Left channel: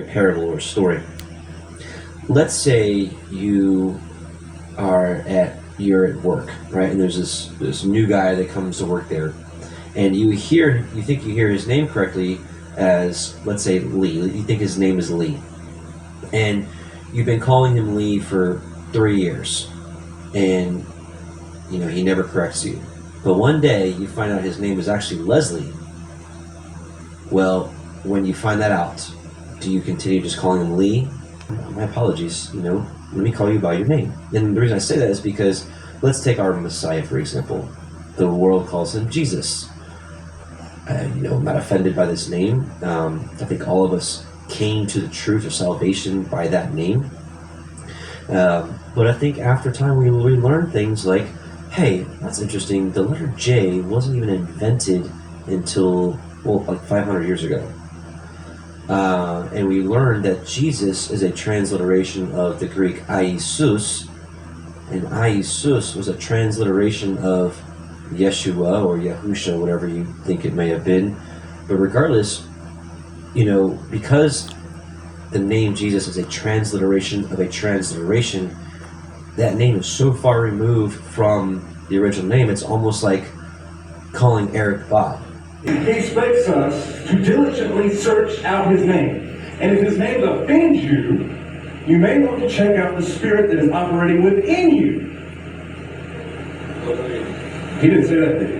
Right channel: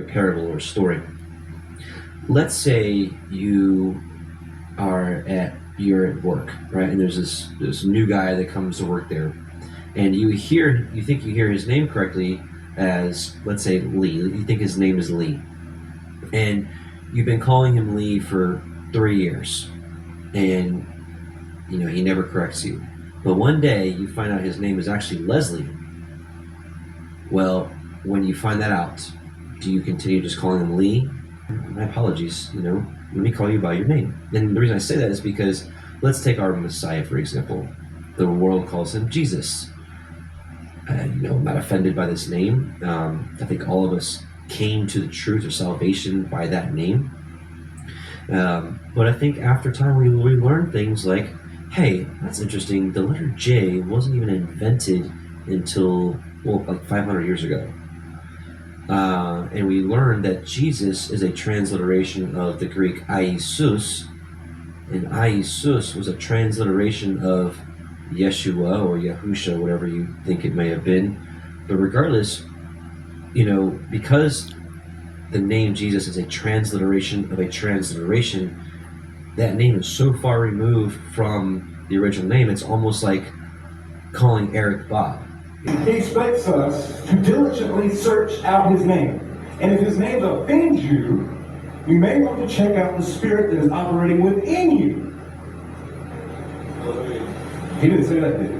a parable or a story. Let's say you're at work, right? And there's this new guy that comes to work there, and you think you hear his name correctly as, let's say, Lee. You think his name is Lee, and you've been calling him Lee for 3 years, and he never corrects you. But one day you find out his name is actually Leslie. Well, when you find that out, do you continue just calling him Lee? My apologies, let me call you by your name. And the reason I say that is because let's take our Messiah, for example. The world calls him Jesus. I'm not offended by this name. I think all of us came to the truth of salvation by that name. But I think after time we learn things like, hey, that's interesting. The letter J wasn't even invented until, like 500 years ago. And we learned that Jesus is a transliteration of the Greek Iesous, and Iesous was a transliteration of Yeshua or Yahusha, whatever you think it may have been. But regardless, because the name Jesus is a transliteration of a transliteration, that name is so far removed from the original name, it's almost like calling Eric Bob. He expects us to diligently search out his name. And if his name offends you, you may want to check out the spirit that is operating within you. He didn't say that, did he?